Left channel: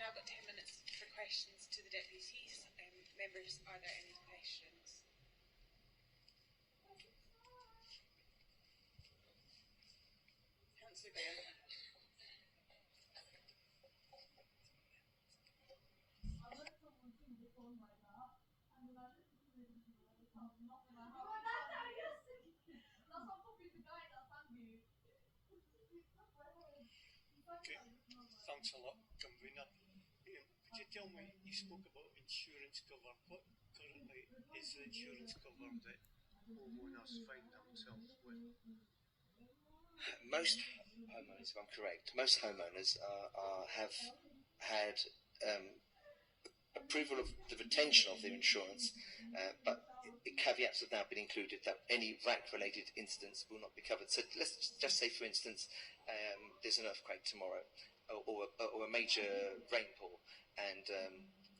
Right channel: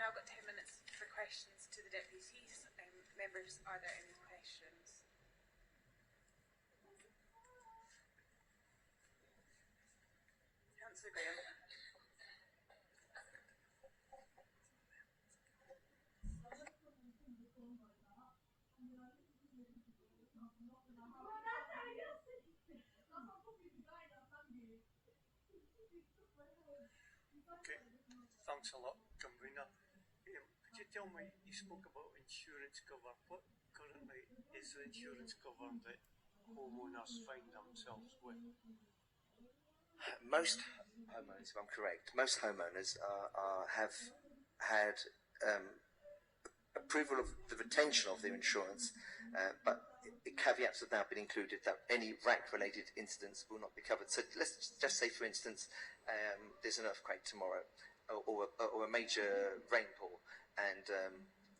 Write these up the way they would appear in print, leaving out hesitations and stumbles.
now got 10 minutes for questions to the deputies. Members, are there any questions? Councillor Graham. Okay, thanks a lot, convener. Could you tell me, you spoke about insurance cover. What currently is the insurance cover that homeowners find themselves with? Most homeowners, if I'm correct, most homeowners have had approval of the retention of their insurance, but caveats have now been included that any RAAC-related incidents will not be covered. So let's just say, for instance, there's an earthquake tomorrow, or a major rainfall, and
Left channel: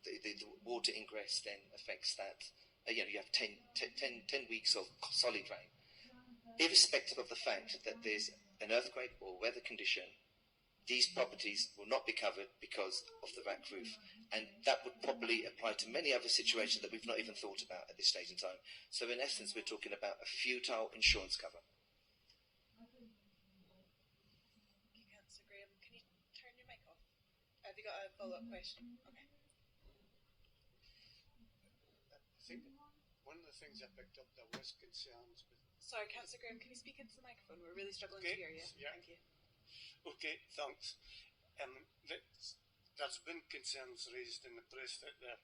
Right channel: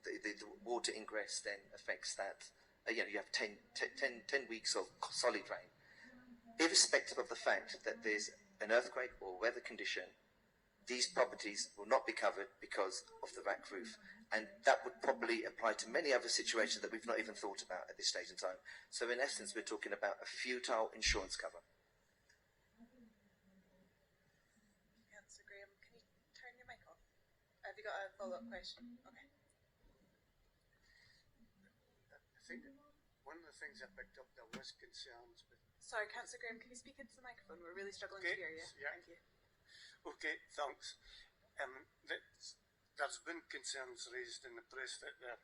the water ingress then affects that. You have 10 weeks of solid rain. Irrespective of the fact that there's an earthquake or weather condition, these properties will not be covered because of the RAAC roof. And that would probably apply to many other situations that we've not even thought about at this stage in time. So in essence, we're talking about a futile insurance cover. Councillor Graham, can you turn your mic off? Have you got a follow-up question? Okay. I think one of the things I picked up, there was concerns with... Sorry, Councillor Graham, can you speak into the microphone? We're really struggling to hear you. Yeah. Thank you. Okay, thanks. There's been concerns raised in the press that there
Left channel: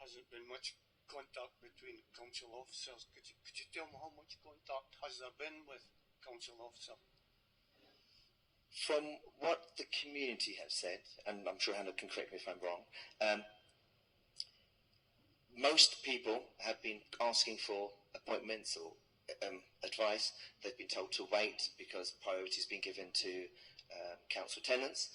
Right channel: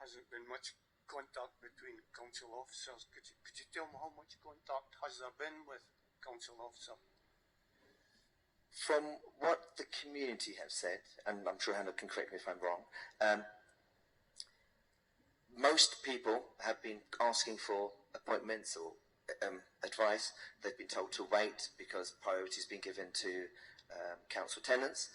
hasn't been much contact between council officers. Could you tell me how much contact has there been with council officer? From what the community have said, and I'm sure Hannah can correct me if I'm wrong, most people have been asking for appointments or advice. They've been told to wait because priority has been given to council tenants.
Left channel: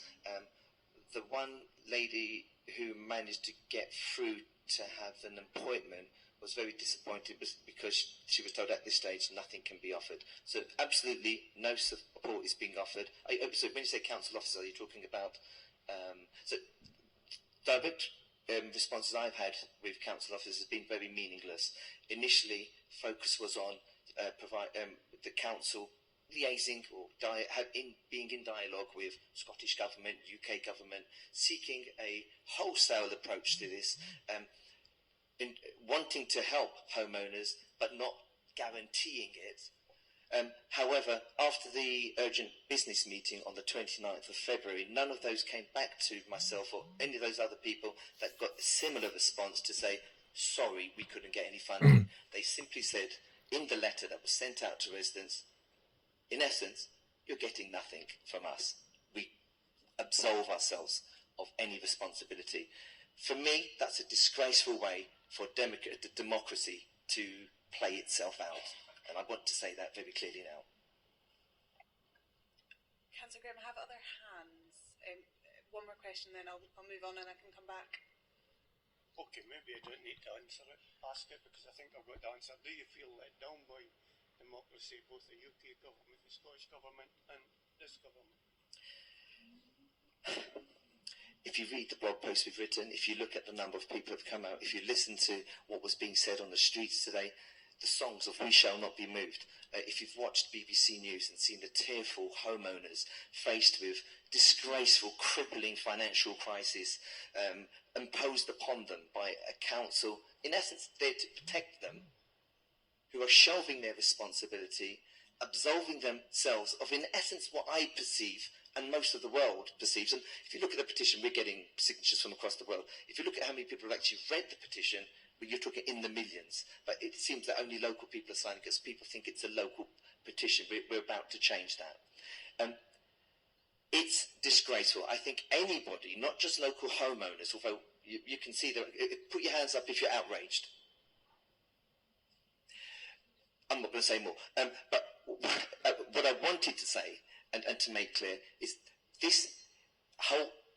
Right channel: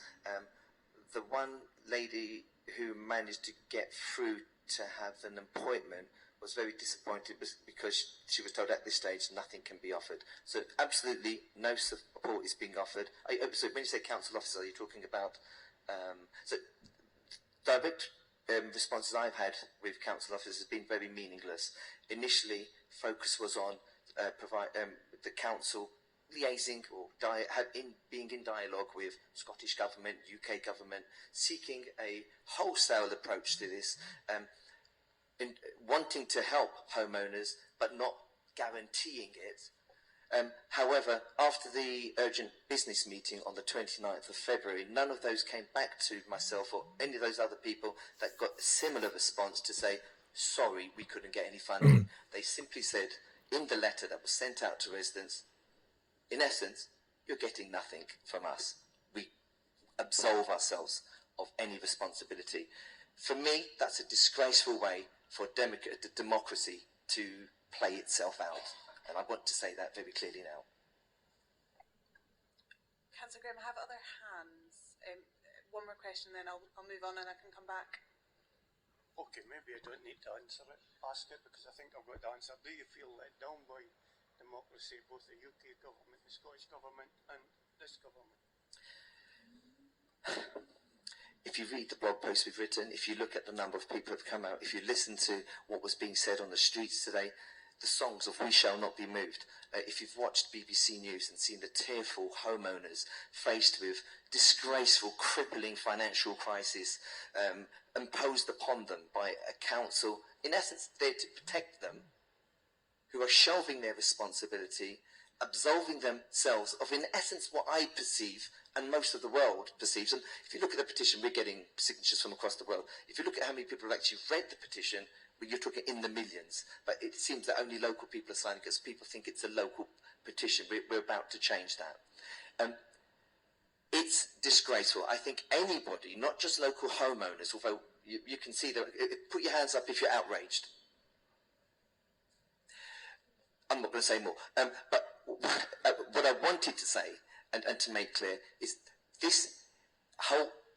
The one lady who managed to get through to have an appointment was very disappointed because she was told at this stage nothing can be offered. So absolutely no support is being offered. So when you say council officer, you're talking about... so direct responses I've had with council officers has been very meaningless. Initially, focus was on the council liaising or being in dialogue with Scottish Government, UK Government, seeking a wholesale approach to this, wanting to help homeowners but not guaranteeing it. However, after the urgent business meeting on the 29th of February, none of those came back to myself or any of those other people that got a similar response to say, sorry, we couldn't get any funding. They simply said in the letter that was sent out to residents, in essence, you're getting nothing from us. We absolve ourselves of any responsibility. For me, that's a disgraceful way for democracy to play itself out. And I want to say that very clearly now. Councillor Graham, I have other hands. One more question, then I'll move on and I can come back. Okay, maybe I don't need to ask it because I think I've got the answer. Do you feel let down by democracy, both the UK government, the Scottish government and this government? If you read the blog post we've written, if you look at the number of people who have come out, if you listen to what was being said on the streets today, the songs of We Shall Not Be Moved, if you've watched BBC News and seen the tearful homeowners faced with disgraceful, crippling financial crisis imposed upon them by a council, in essence, there to protect them, who are shelving their responsibility, absolving themselves of, in essence, what I perceive and most of the world perceives. And if you look at the petition, we're getting signatures from across the world. If you look at how many people have actually read the petition, you're talking in the millions. But it seems that only local people are signing because people think it's a local petition. We're about to change that. It's disgraceful. I think anybody, not just local homeowners, although you can see that, put your hands up if you're outraged. I'm not going to say more. But what I wanted to say, and to make clear, is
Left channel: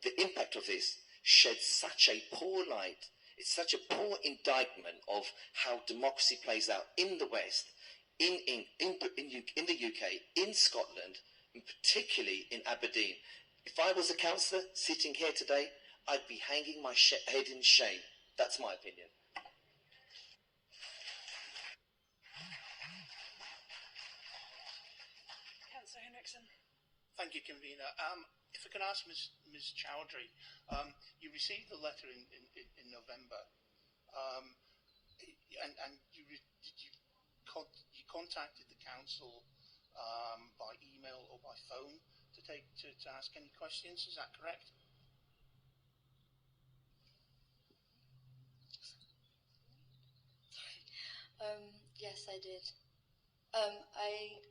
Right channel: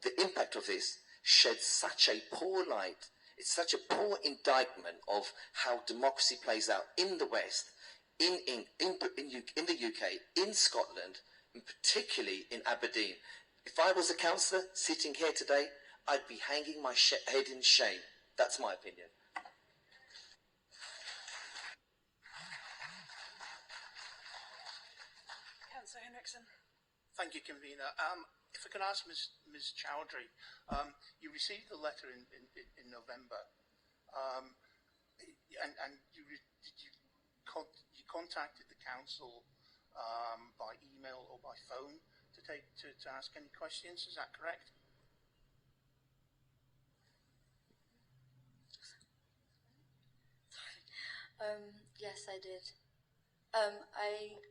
the impact of this sheds such a poor light. It's such a poor indictment of how democracy plays out in the West, in the UK, in Scotland, and particularly in Aberdeen. If I was a councillor sitting here today, I'd be hanging my head in shame. That's my opinion. Councillor Henriksen. Thank you, Convener. If I can ask Ms. Chowdhry, you received the letter in November, and you contacted the council by email or by phone to ask any questions. Is that correct? Yes, I did. I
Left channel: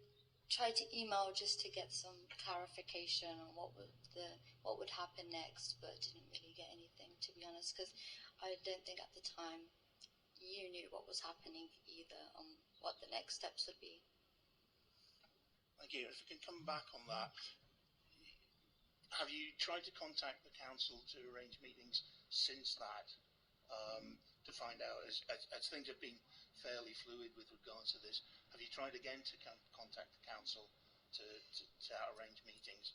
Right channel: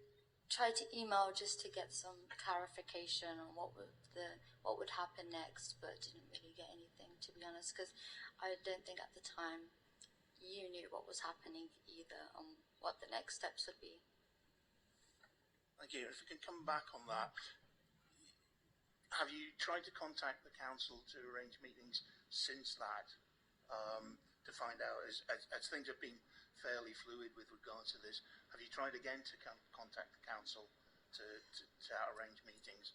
tried to email just to get some clarification on what would happen next, but didn't really get anything, to be honest, because I don't think at the time you knew what was happening either, on what the next steps would be. Thank you. If we can come back on that, have you tried to contact the council to arrange meetings since that to find out, as things have been fairly fluid with regards to this, have you tried again to contact the council to arrange meetings?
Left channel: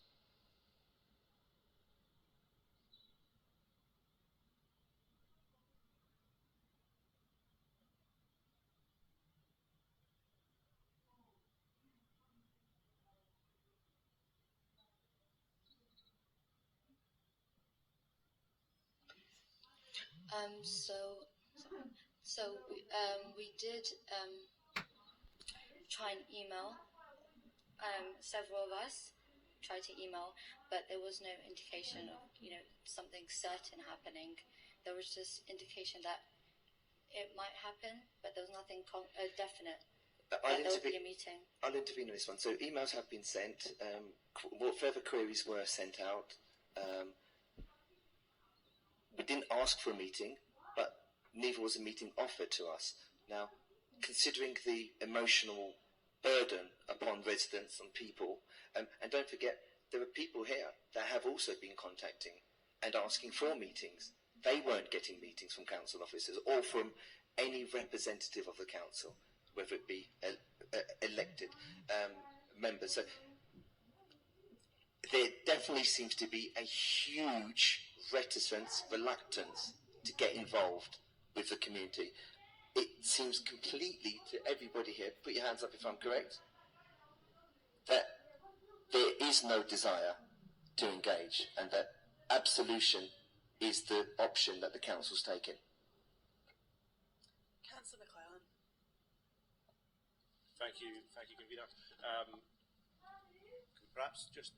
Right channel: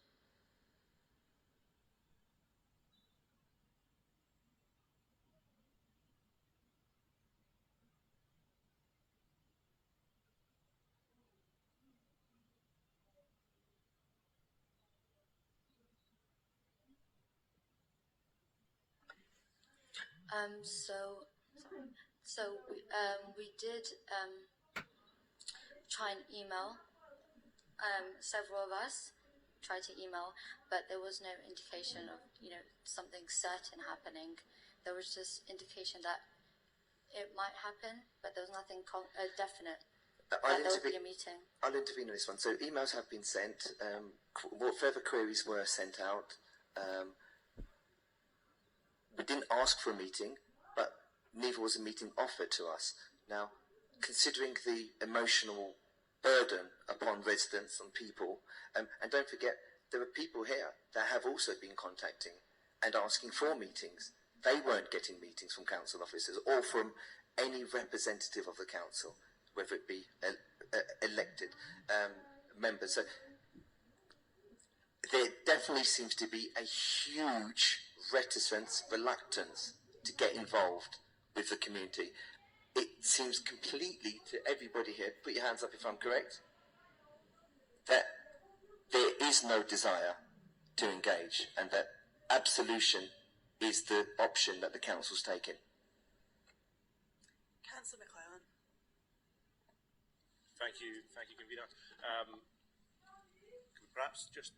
We did try and email. Several of us tried to email, but there was no indication of something certain happening. There was just indication that it might happen, but there was nothing definite. There would be a meeting. I'll intervene in this one. So emails have been sent. Further queries were sent out. We didn't ask for a meeting, but neither was a meeting offered to us. Now, considering the emotional burden upon residents and people, and don't forget, there are people here that have also been contacting and asking for meetings. They weren't getting meetings from council officers or from any representative of the council, whether it be elected members. So there definitely seems to be a huge reticence, reluctance to get involved with the community. It seems completely to everybody here, put your hands up if I'm correct, that there is no desire to engage and that absolution is the option that the council's taken. Councillor McClellan. Thank you, Convener. Can we perhaps just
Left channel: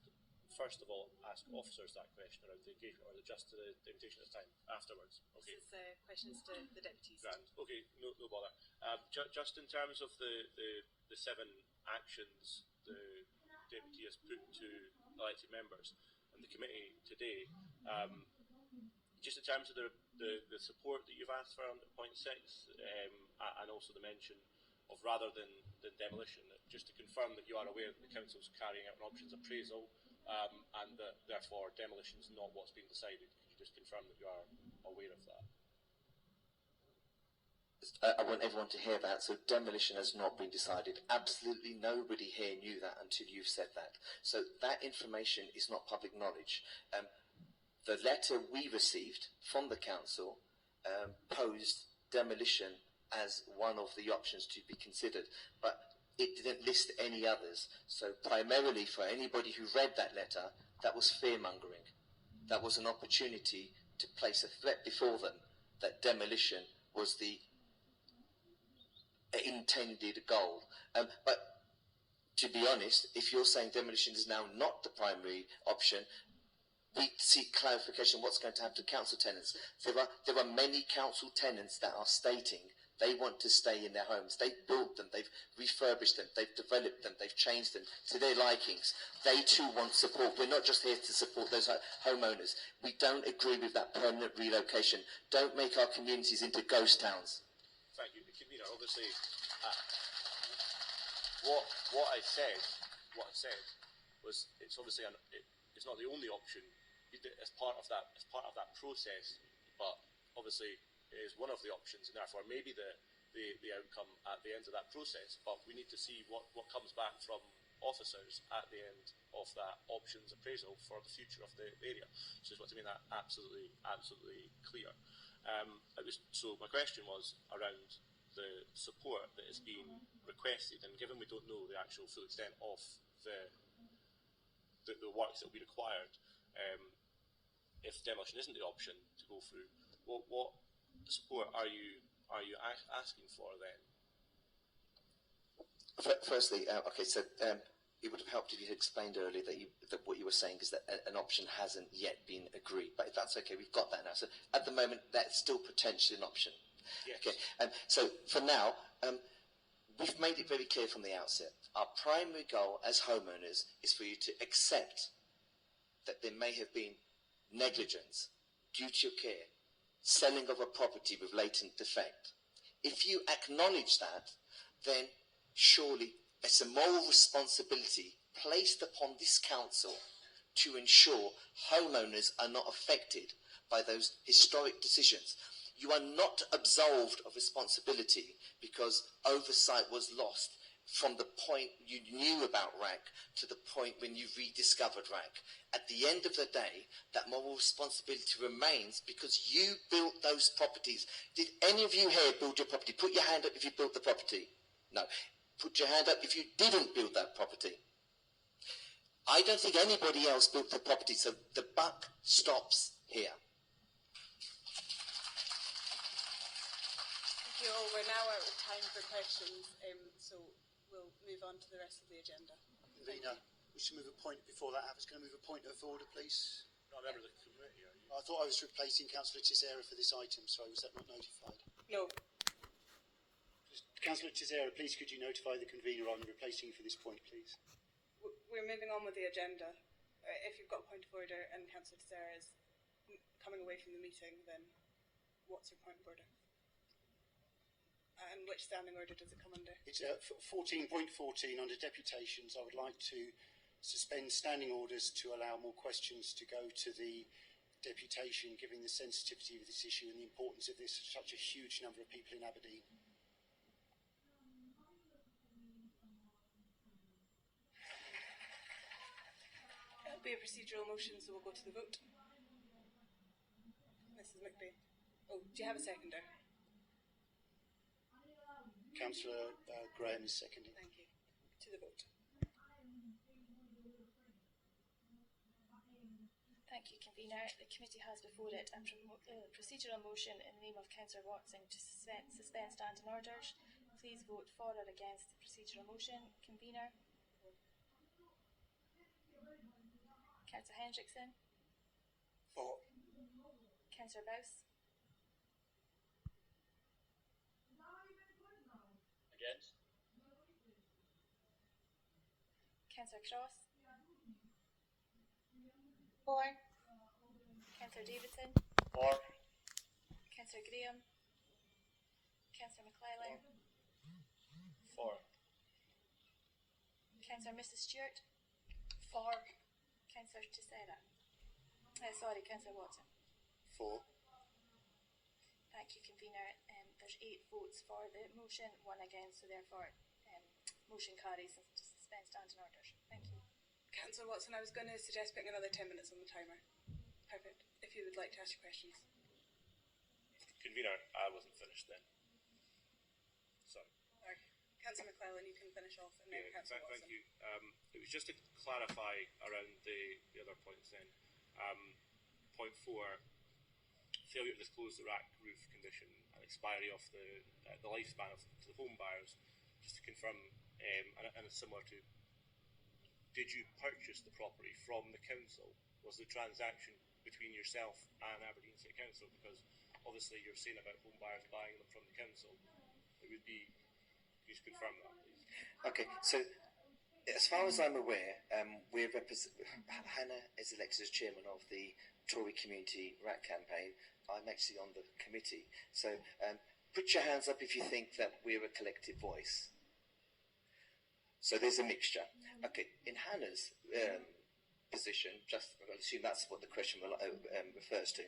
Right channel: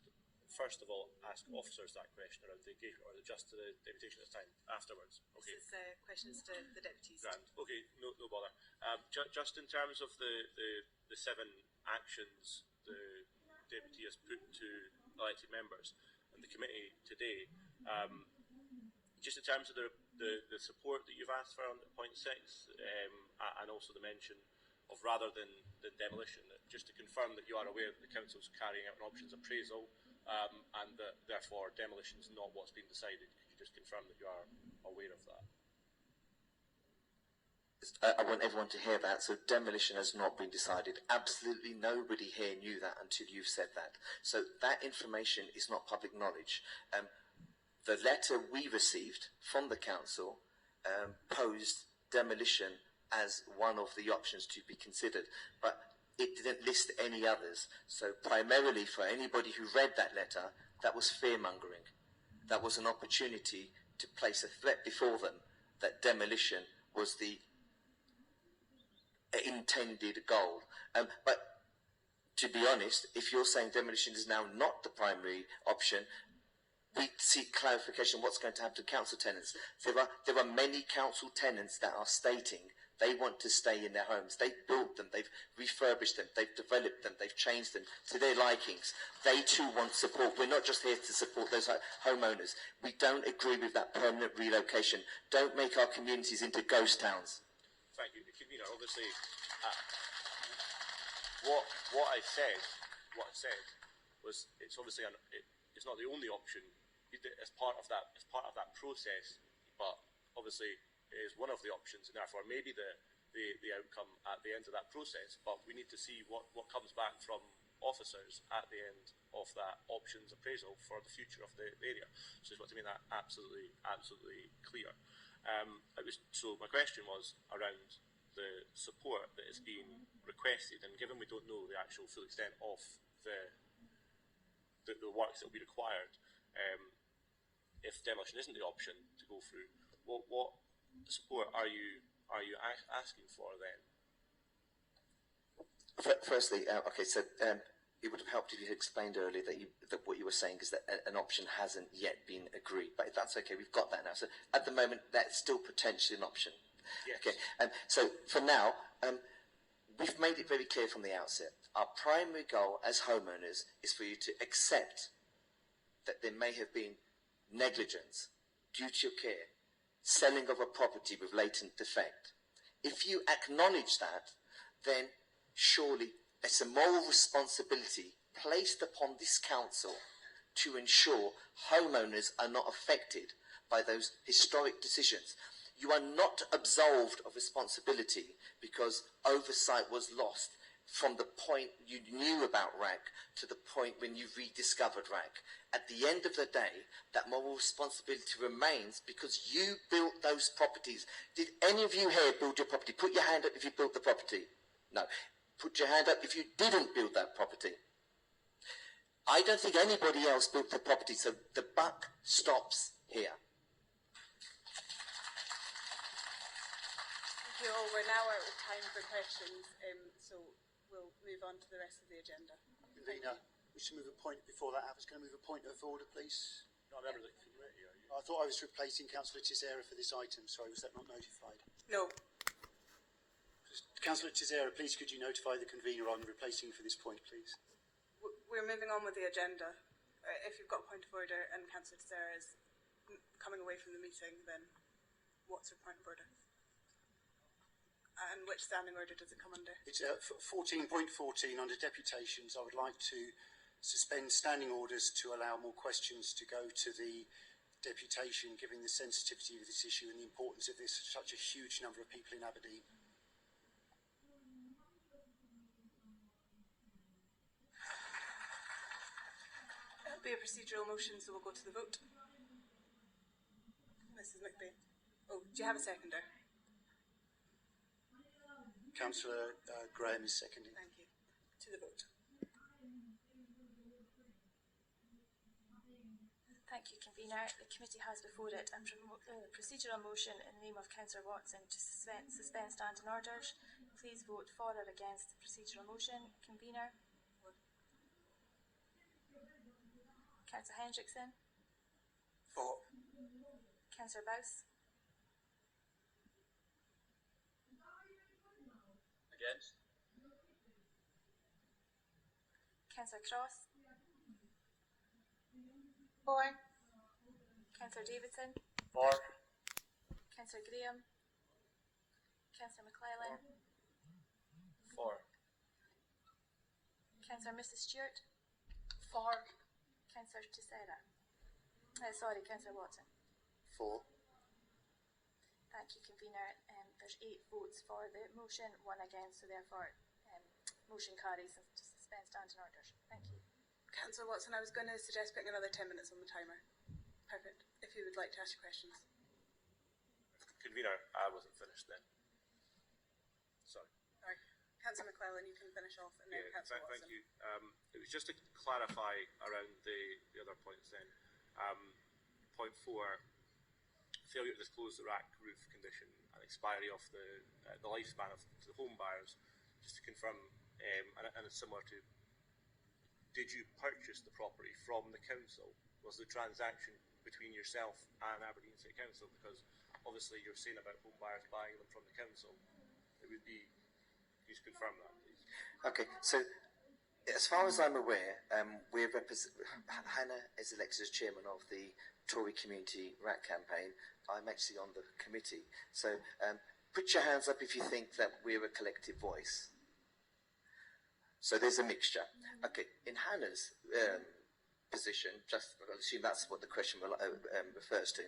first of all ask officers that question around the engagement, or is it just to the deputation this time afterwards? Okay. This is questions to the deputies. Grand. Okay, no bother. Just in terms of the 7 actions the deputy has put to elected members and the committee today, just in terms of the support that you've asked for under point 6, and also the mention of rather than demolition, just to confirm that you are aware that the council's carrying out an options appraisal, and that therefore demolition is not what's been decided. Could you just confirm that you are aware of that? I want everyone to hear that. So demolition has not been decided. Absolutely nobody here knew that until you've said that. So that information is not public knowledge. The letter we received from the council posed demolition as one of the options to be considered, but it didn't list any others. So primarily for anybody who read that letter, that was fear-mongering. That was an opportunity to place a threat before them that demolition was the intended goal. But to be honest, if you're saying demolition is now not the primary option, we seek clarification what's going to happen to council tenants. There are many council tenants that are stating they want to stay in their homes. They've built them, they've refurbished them, they've developed them, they've changed them to their likings. They too want support. We're not just here to support those homeowners. We don't agree with that permanent relocation. Don't make our communities into ghost towns. Thank you. Convener, obviously, what I said was it's obviously it's not the only option as part of that process, but obviously it is one of the options, and therefore maybe the outcome at the end of that process. But we need to see what comes back from officers at the end of that options appraisal for the future of the area. So I just want to make that absolutely clear. So my question was around the support that is being requested, and given we don't know the actual full extent of the works that will be required, if demolition isn't the option to go through, what support are you asking for then? Firstly, okay, so it would have helped if you had explained earlier that what you were saying is that an option hasn't yet been agreed. But if that's okay, we've got that now. So at the moment, that's still potentially an option. Yes. Okay, so for now, we've made it very clear from the outset. Our primary goal as homeowners is for you to accept that there may have been negligence, duty of care, selling of a property with latent defect. If you acknowledge that, then surely it's a moral responsibility placed upon this council to ensure homeowners are not affected by those historic decisions. You are not absolved of responsibility because oversight was lost from the point you knew about RAAC to the point when you rediscovered RAAC. At the end of the day, that moral responsibility remains because you built those properties. Did any of you here build your property? Put your hand up if you built the property. No. Put your hand up if you didn't build that property. I don't think anybody else built the property, so the buck stops here. Thank you all. We're now out of time for questions, so we'll move on to the rest of the agenda. Convener, we should move a point before that. I was going to move a point of order, please. Not a member of the committee, are you? I thought I was replacing Councillor Tisera for this item. Sorry, was that not notified? No. Councillor Tisera, please could you notify the convener on replacing you for this point, please? We're moving on with the agenda. If you've got a point of order and Councillor Tisera is coming away from the meeting, then what's your point of order? And which standing order does it come under? It's 14.14 under deputations. I would like to suspend standing orders to allow more questions to go to the deputation, given the sensitivity of this issue and the importance of this to such a huge number of people in Aberdeen. It'll be a procedural motion, so we'll go to the vote. Mrs. McBain. Oh, do you have a seconder? Councillor Graham is seconding. Thank you. To the vote. Thank you, Convener. The committee has before it a procedural motion in the name of Councillor Watson to suspend standing orders. Please vote for or against the procedural motion. Convener. Councillor Hendrickson. For. Councillor Bowes. Against? Councillor Cross. For. Councillor Davidson. For. Councillor Graham. Councillor McClellan. For. Councillor Mrs. Stewart. For. Councillor Tisera. Councillor Watson. For. Thank you, Convener. There's 8 votes for the motion, 1 against, so therefore motion carries to suspend standing orders. Thank you. Councillor Watson, I was going to suggest putting another 10 minutes on the timer. Perfect. If you would like to ask your questions. Convener, I wasn't finished then. Sorry. Councillor McClellan, you can finish off, and then Councillor Watson. Thank you. It was just to clarify around the other points then. Point 4, failure to disclose the RAAC roof condition and expiry of the lifespan of the home buyers. Just to confirm, and it's similar to, did you purchase the property from the council? Was the transaction between yourself and Aberdeen City Council? Because obviously you're saying about home buyers buying them from the council. It would be, can you just confirm that, please? Okay, so as far as I'm aware, Hannah is elected as chairman of the Tory Community RAAC campaign. I'm actually on the committee. So put your hands up if you think that we're a collective voice. So there's a mixture. Okay, in Hannah's position, just I'll assume that's what the question refers to.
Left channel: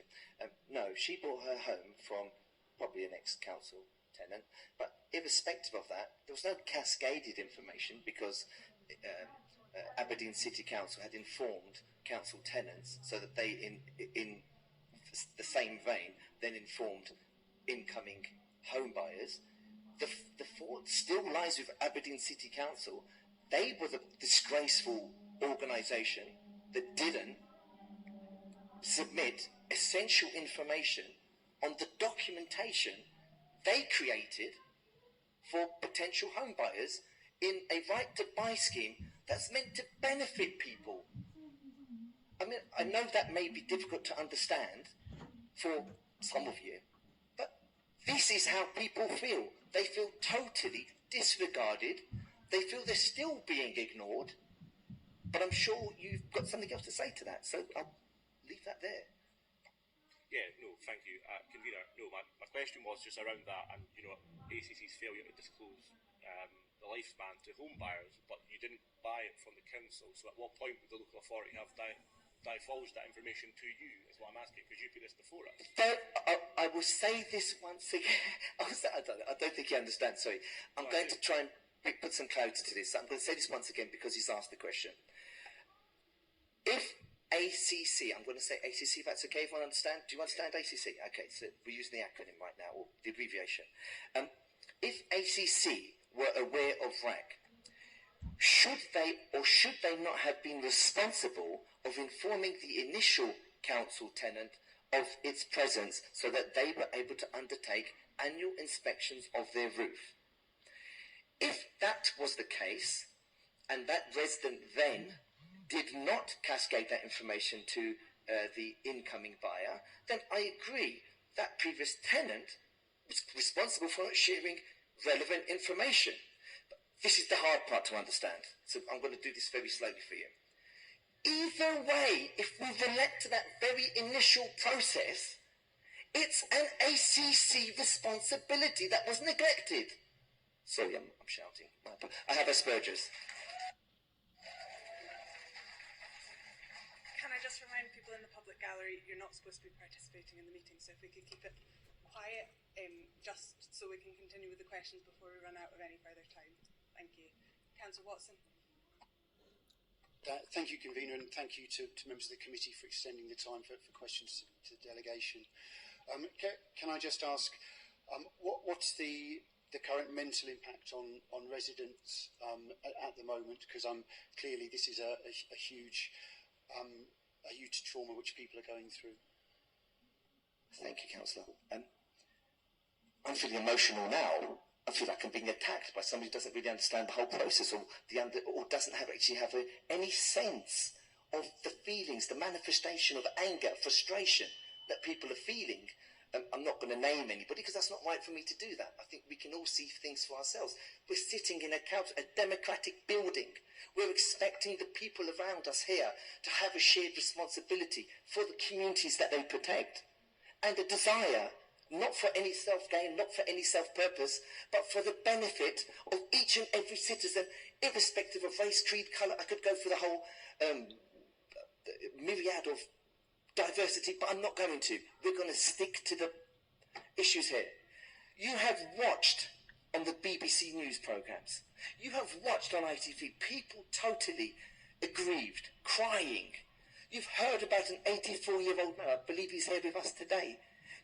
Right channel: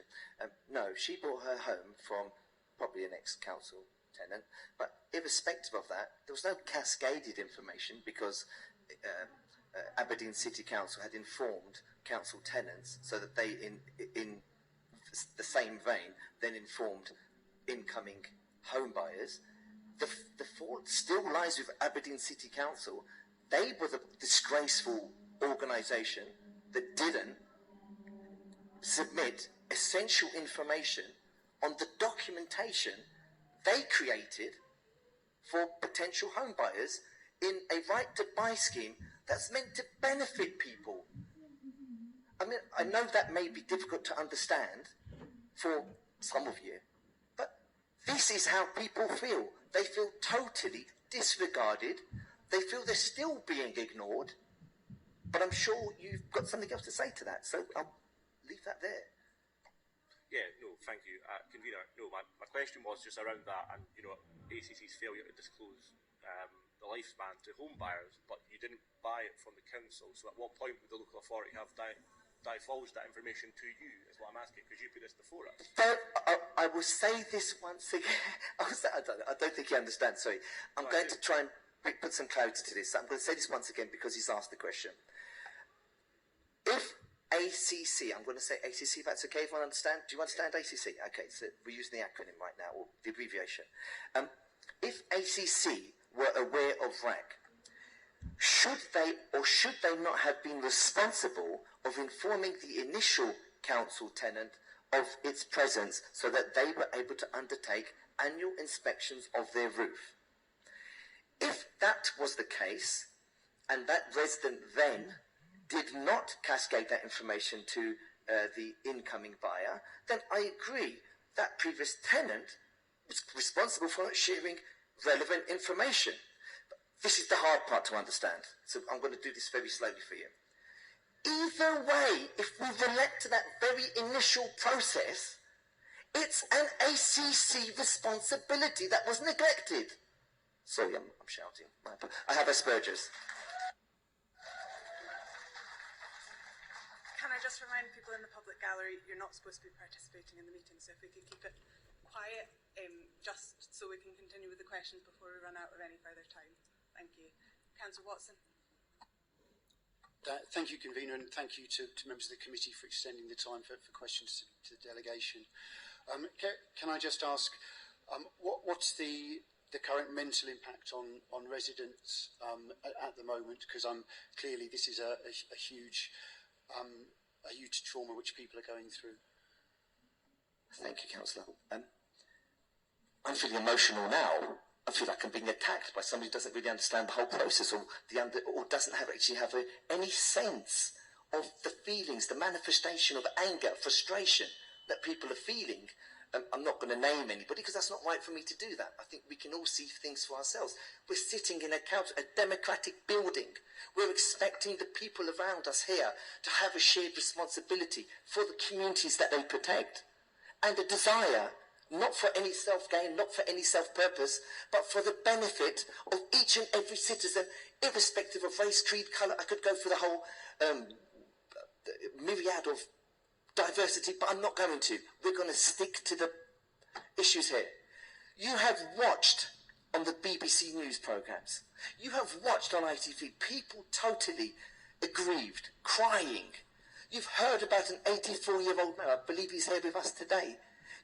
No, she bought her home from probably an ex-council tenant, but irrespective of that, there was no cascaded information because Aberdeen City Council had informed council tenants so that they, in the same vein, then informed incoming home buyers. The fault still lies with Aberdeen City Council. They were the disgraceful organisation that didn't submit essential information on the documentation they created for potential home buyers in a right to buy scheme that's meant to benefit people. I mean, I know that may be difficult to understand for some of you, but this is how people feel. They feel totally disregarded. They feel they're still being ignored. But I'm sure you've got something else to say to that, so I'll leave that there. Yeah, no, thank you. Convener, no, my question was just around that and, ACC's failure to disclose the lifespan to home buyers, but you didn't buy it from the council, so at what point would the local authority have divulged that information to you, is what I'm asking, because you put this before us. But I will say this once again. I don't think you understand, sorry. I'm going to try and put some clarity to this. I'm going to say this once again because he's asked the question. If ACC, I'm going to say ACC, if that's okay, everyone understand? Do you understand ACC? Okay, so we're using the acronym right now, or the abbreviation. If ACC were aware of RAAC, should they or should they not have been responsible of informing the initial council tenant of its presence so that they were able to undertake annual inspections of their roof? If that was the case, and that resident then did not cascade that information to the incoming buyer, then I agree that previous tenant was responsible for not sharing relevant information. But this is the hard part to understand, so I'm going to do this very slowly for you. Either way, if we relate to that very initial process, it's an ACC responsibility that was neglected. Sorry, I'm shouting. I have Asperger's. Can I just remind people in the public gallery, you're not supposed to be participating in the meeting, so if we could keep it quiet, just so we can continue with the questions before we run out of any further time. Thank you. Councillor Watson. Thank you, Convener, and thank you to members of the committee for extending the time for questions to the delegation. Can I just ask, what's the current mental impact on residents at the moment? Because clearly this is a huge trauma which people are going through. Thank you, Councillor. I'm feeling emotional now. I feel like I'm being attacked by somebody who doesn't really understand the whole process, or doesn't actually have any sense of the feelings, the manifestation of anger, frustration that people are feeling. I'm not going to name anybody because that's not right for me to do that. I think we can all see things for ourselves. We're sitting in a democratic building. We're expecting the people around us here to have a shared responsibility for the communities that they protect, and a desire not for any self-gain, not for any self-purpose, but for the benefit of each and every citizen, irrespective of race, creed, colour. I could go through the whole myriad of diversity, but I'm not going to. We're going to stick to the issues here. You have watched on the BBC News programmes, you have watched on ITV people totally aggrieved, crying. You've heard about an 84-year-old man, I believe he's here with us today,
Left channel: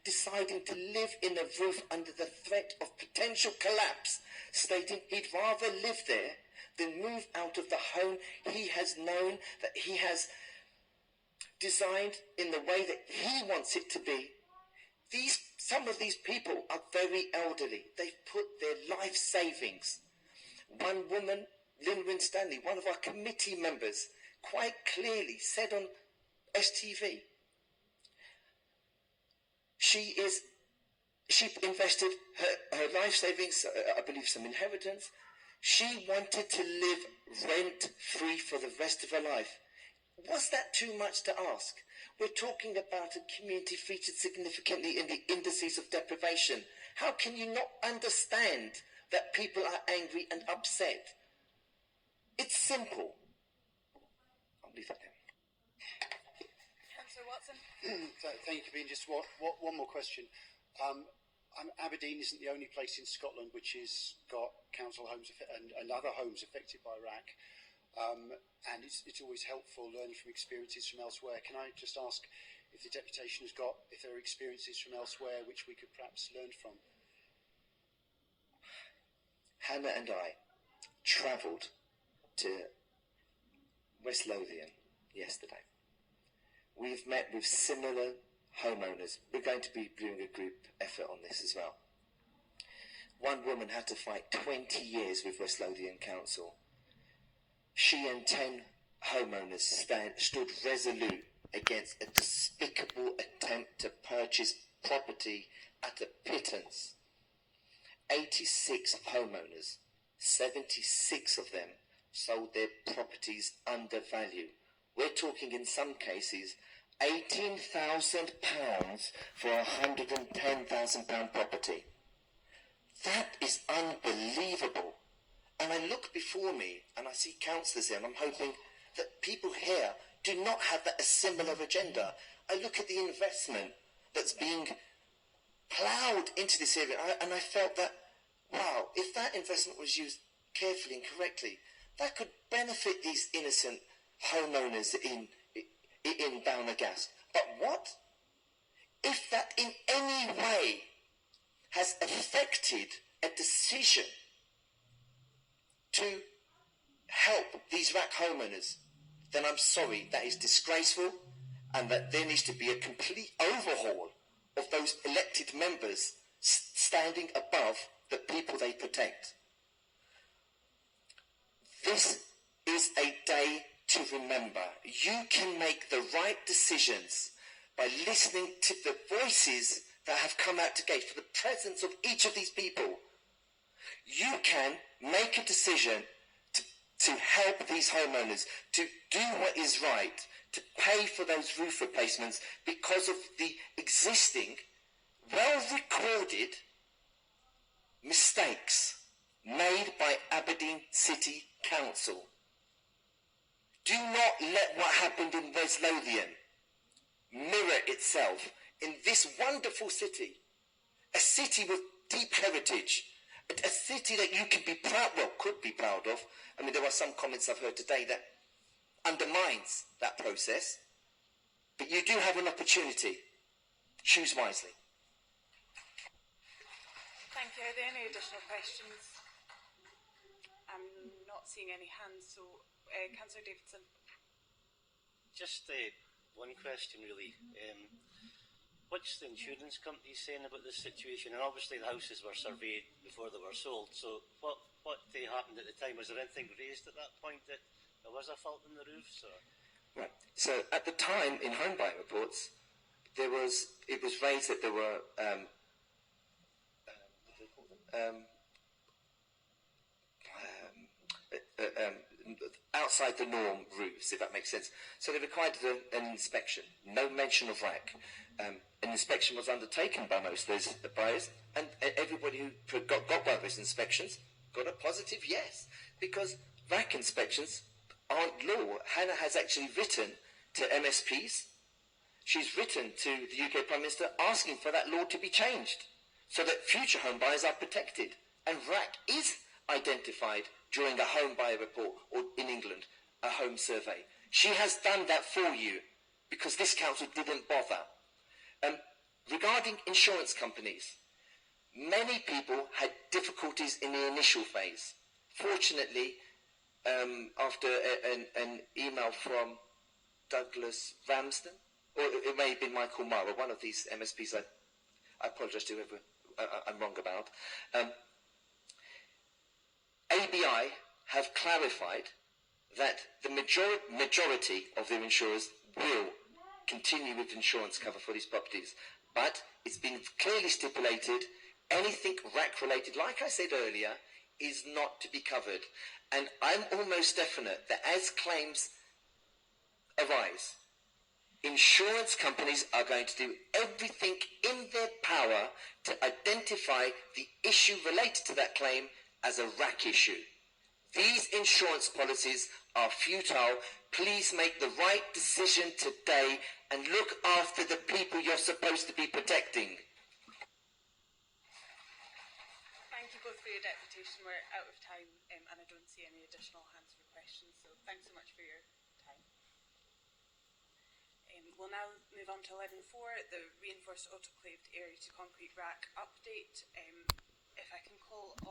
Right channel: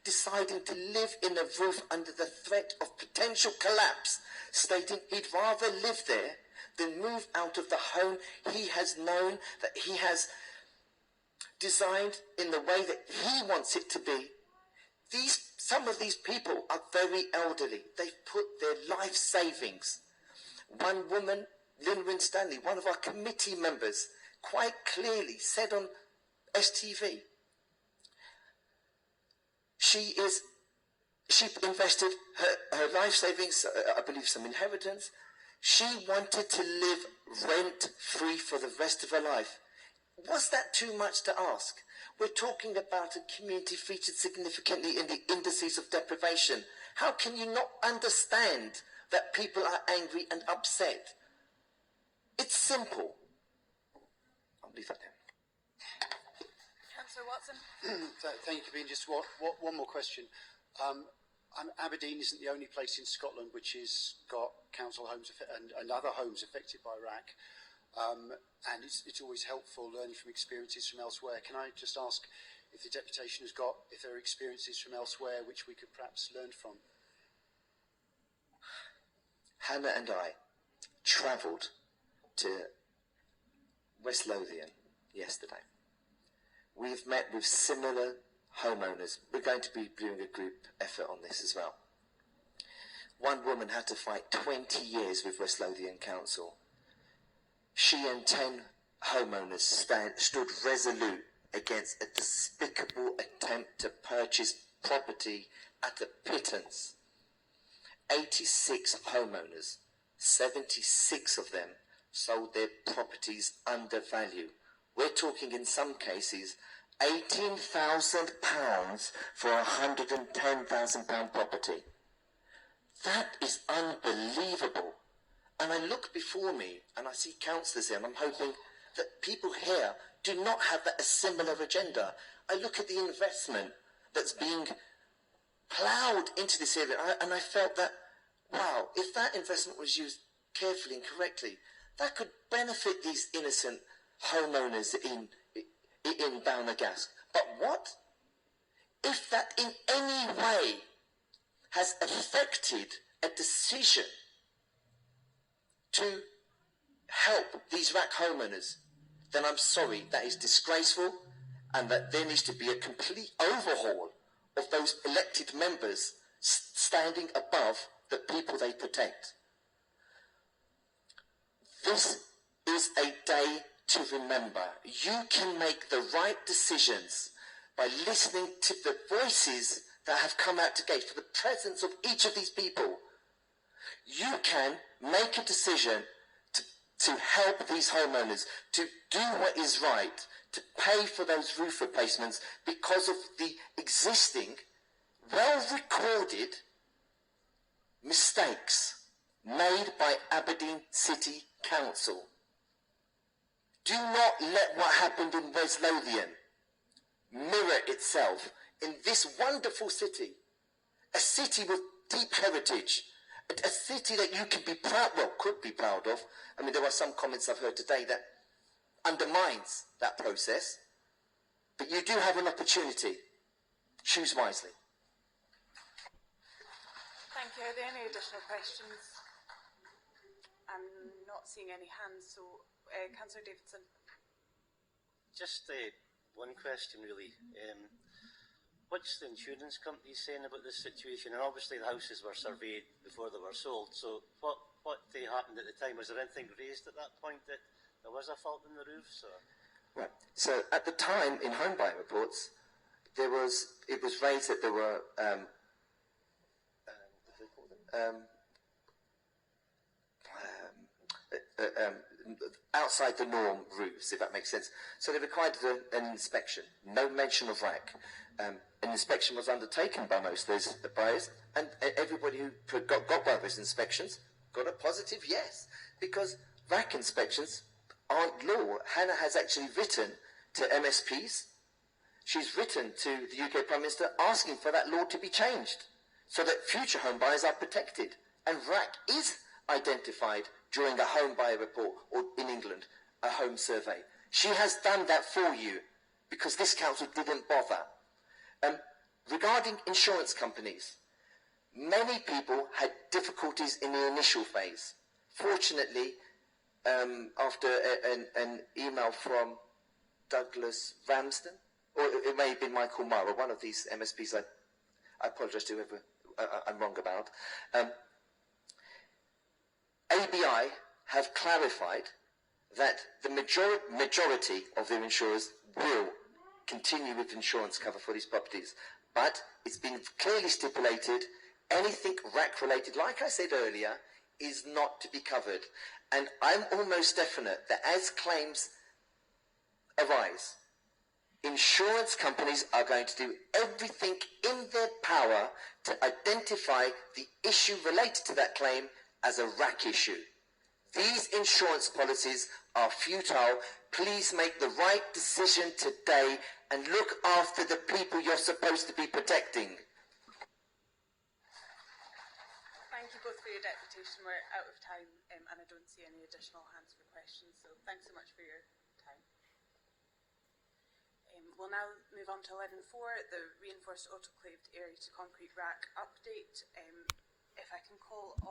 deciding to live in a roof under the threat of potential collapse, stating he'd rather live there than move out of the home he has known, that he has designed in the way that he wants it to be. Some of these people are very elderly. They've put their life savings. One woman, Lynn Winstanley, one of our committee members, quite clearly said on STV, she invested her life savings, I believe some inheritance. She wanted to live rent-free for the rest of her life. Was that too much to ask? We're talking about a community featured significantly in the indices of deprivation. How can you not understand that people are angry and upset? It's simple. I'll leave that there. Councillor Watson. Thank you, Convener. Just one more question. Aberdeen isn't the only place in Scotland which has got council homes and other homes affected by RAAC. and it's always helpful learning from experiences from elsewhere. Can I just ask if the deputation has got, if there are experiences from elsewhere which we could perhaps learn from? Hannah and I travelled to West Lothian yesterday. We've met with similar homeowners. We're going to be doing a group effort on this as well. One woman had to fight 20 years with West Lothian Council. She and 10 homeowners stood resolute against a despicable attempt to purchase property at a pittance. 86 homeowners, 76 of them sold their properties under value. We're talking in some cases £18,000 for a £110,000 property. That is unbelievable. And I look before me and I see councillors here, and I'm hoping that people here do not have a similar agenda. I look at the investment that's being ploughed into this area, and I felt that, wow, if that investment was used carefully and correctly, that could benefit these innocent homeowners in Balnagasc. But what if that in any way has affected a decision to help these RAAC homeowners? Then I'm sorry, that is disgraceful, and that there needs to be a complete overhaul of those elected members standing above the people they protect. This is a day to remember. You can make the right decisions by listening to the voices that have come out to gauge for the presence of each of these people. You can make a decision to help these homeowners, to do what is right, to pay for those roof replacements because of the existing, well-recorded mistakes made by Aberdeen City Council. Do not let what happened in West Lothian mirror itself in this wonderful city, a city with deep heritage, a city that you can be proud, well, could be proud of. I mean, there are some comments I've heard today that undermines that process, but you do have an opportunity. Choose wisely. Thank you. Are there any additional questions? I'm not seeing any hands, so Councillor Davidson. Just one question, really. What's the insurance company saying about this situation? And obviously the houses were surveyed before they were sold, so what happened at the time? Was there anything raised at that point that there was a fault in the roofs? Or? Right. So at the time, in home buying reports, it was raised that there were outside the norm roofs, if that makes sense. So they required an inspection. No mention of RAAC. An inspection was undertaken by most of those buyers, and everybody who got one of those inspections got a positive yes, because RAAC inspections aren't law. Hannah has actually written to MSPs. She's written to the UK Prime Minister asking for that law to be changed so that future home buyers are protected. And RAAC is identified during a home buyer report, or in England, a home survey. She has done that for you because this council didn't bother. Regarding insurance companies, many people had difficulties in the initial phase. Fortunately, after an email from Douglas Ramsden, or it may have been Michael Mara, one of these MSPs, I apologise to whoever I'm wrong about, ABI have clarified that the majority of their insurers will continue with insurance cover for these properties. But it's been clearly stipulated anything RAAC related, like I said earlier, is not to be covered. And I'm almost definite that as claims arise, insurance companies are going to do everything in their power to identify the issue related to that claim as a RAAC issue. These insurance policies are futile. Please make the right decision today and look after the people you're supposed to be protecting. Thank you both for your deputation. We're out of time, and I don't see any additional hands for questions, so Thanks so much for your time. We'll now move on to 11.4, the reinforced autoclaved area to concrete RAAC update. If I can call